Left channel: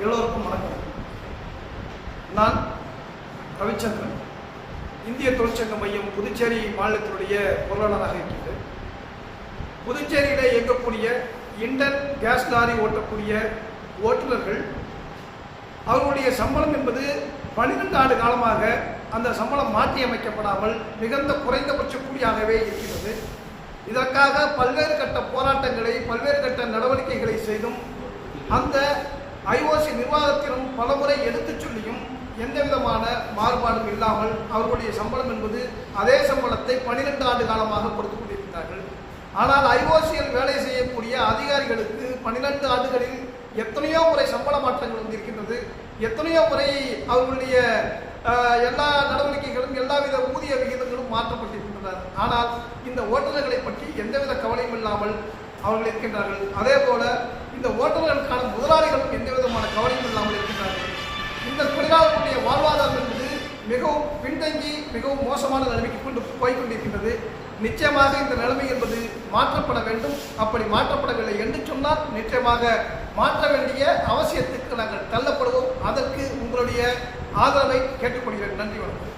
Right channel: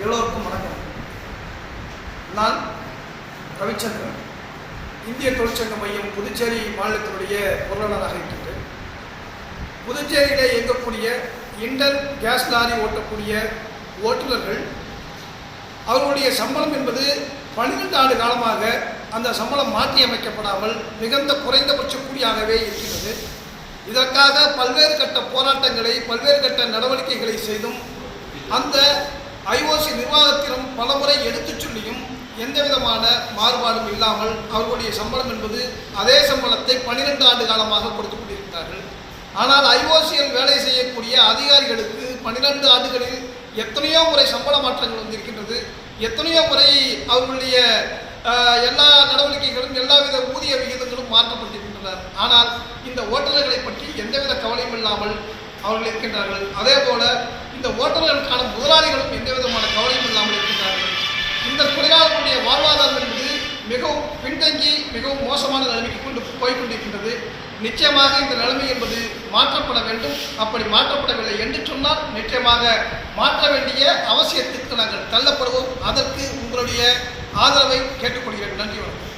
எல்லோருக்கும் வணக்கம். நான் ரவிச்சந்திரன். இந்திய தொழிற்சங்க மையம் புதுச்சேரி மாநிலத்தினுடைய பொருளாளராக இருக்கின்றேன். புதுச்சேரியில் இயங்கக்கூடிய இண்டல் கேஸ் லாரி ஓட்டக்கூடிய ஓட்டுநர்கள் அவர்களுடைய சம்பளம் என்பது பன்னிரெண்டு ஆண்டு காலமாக அந்த சம்பளம் மாற்றி அமைக்கப்படாமல் மிகுந்த குறைந்தபட்ச கூலியாகவே இருக்கின்றது. இதற்காக பல்வேறு கட்ட போராட்டங்களை பல்வேறு கட்ட நடவடிக்கைகளை செய்தும் அந்த ஐஓசி நிர்வாகத்திலும் பலமுறை எடுத்துச் சொல்லியும் எந்தவிதமான மாறுபாடும் இல்லாமல் அவர்களுடைய சம்பளம் என்பது அதே சம்பளத்தை பனிரெண்டு ஆண்டு காலமாக கொடுத்து கொண்டிருக்கிறார்கள். ஆனால் ஐஓசியில் வேலை செய்யக்கூடிய அதிகாரிகளுக்கு பன்னிரெண்டு ஆண்டுகளில் எத்தனையோ முறை சம்பள மாற்றங்கள் வந்திருக்கின்றது. எத்தனையோ முறை அவர்களுடைய எல்லா நடவடிக்கைகளும் எல்லாவித ஊதிய விகிதங்களும் மாற்றப்பட்டிருக்கின்றன. ஆனால் இந்த ஓட்டுநர்களை பற்றி எந்தவித கவலையும் இல்லாமல் அவர்கள் இருக்கின்றார்கள். அதே போல இந்த ஓட்டுநர்களுக்கான முதலாளிகளும் எந்த விதமான கவலையும் இல்லாமல் இருக்கின்றார்கள். இந்த தொழிலாளர்களுடைய வாழ்வாதாரம் என்பது மிகவும் பின்தங்கி மிகவும் மோசமான நிலைமைக்கு கொண்டு போய்கொண்டிருக்கின்றது நிச்சயமாக இந்த நிலைமை என்பது மாற்றப்பட வேண்டும். அப்படி மாற்றப்படவில்லை என்று சொன்னால் நிச்சயமாக மாற்ற வேண்டிய அவசியத்துக்கு நாங்கள் தள்ளப்படுவோம். அதற்கு உங்களுடைய ஆதரவை கேட்டுக்கொள்கிறேன். நன்றி வணக்கம்.